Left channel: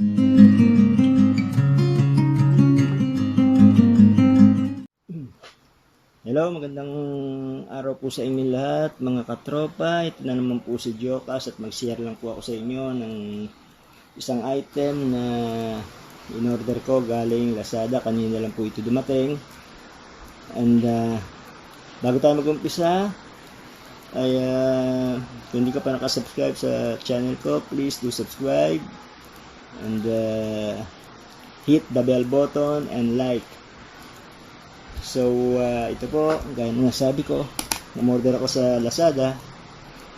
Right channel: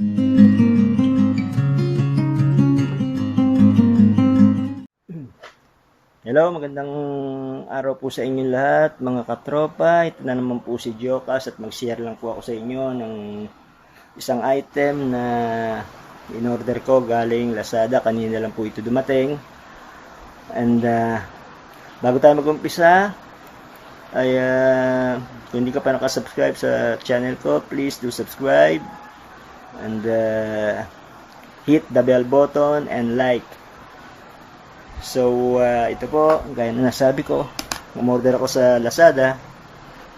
Hello, magandang araw po sa inyo lahat mga katropa. Ito na naman po si Jokas at mag-share lang po ako sa inyo ng isang item na in-order ko galing Lazada. Kanina lang po ito dumating. And bago tayo mag-umpisa ay kung hindi ka pa nakasubscribe sa channel ko, please do subscribe and hit the bell button and like. So, ito po, gaya na nasabi ko, umorder ako sa Lazada.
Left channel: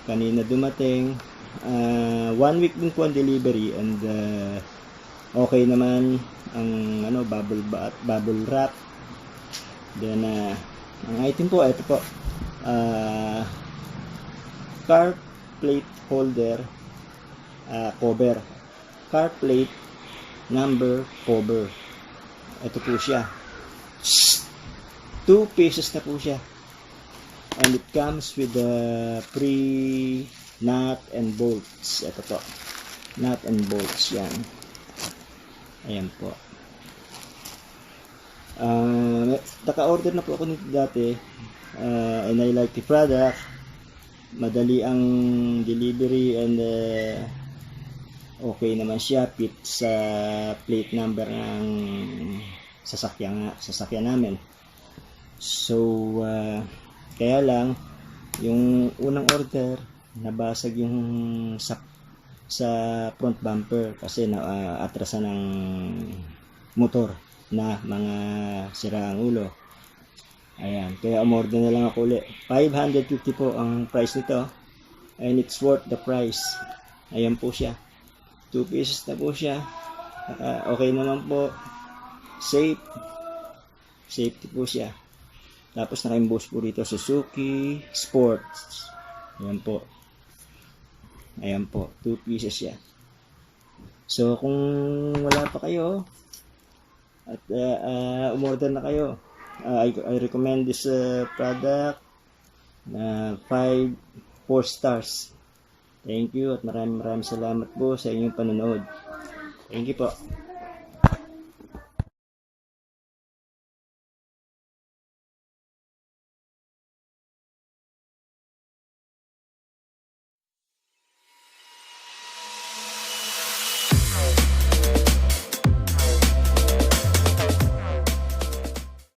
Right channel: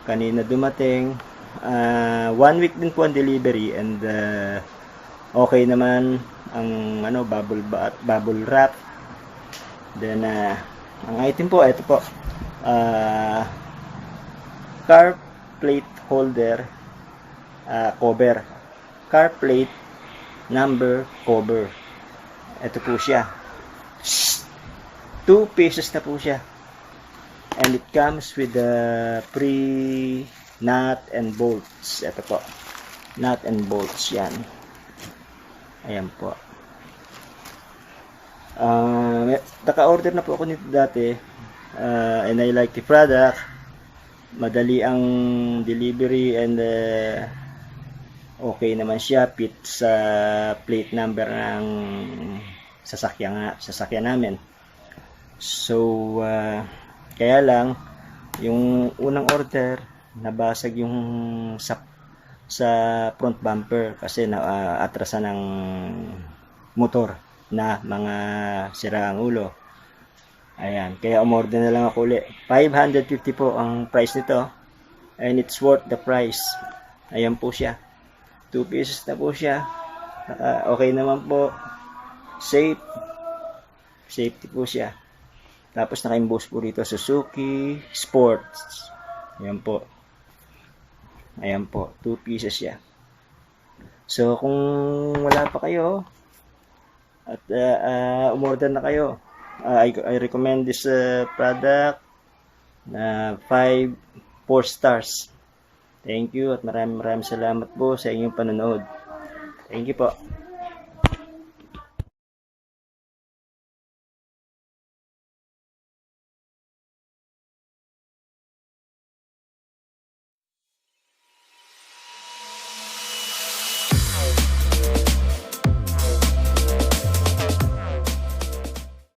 Kanina dumating. 1 week din po ang delivery and okay naman ang bubble wrap. Then, ang item po, ito po, car plate holder cover. Car plate number cover. Ito po siya. 2 pieces na po siya. And it comes with the free nut and bolts. Ito po. Nut and bolts yan. Ayan po. Naka-order na po ako nito dati. And I like the product. Madali ang delivery and okay naman siya. Fit sa plate number ng sasakyan namin. So, kaya lang, yung unang order, nabasag yung sa front bumper kasi atrasan ng motor na mga sira ang ulo. Ayan, kaya umorder na lang ako ulit. 550 po ang price nito and it's worth the price. Ayan po siya. 2 pieces na po siya. Okay naman po. Safety po siya. Tapos naka-emboss po dito Suzuki Sports. Ayan po. Ayan po. 2 pieces siya. So kung wala pa kayo at umorder na kayo, I recommend this product na 4 stars. Thank you at maraming salamat po sa inyong panonood. Thank you po.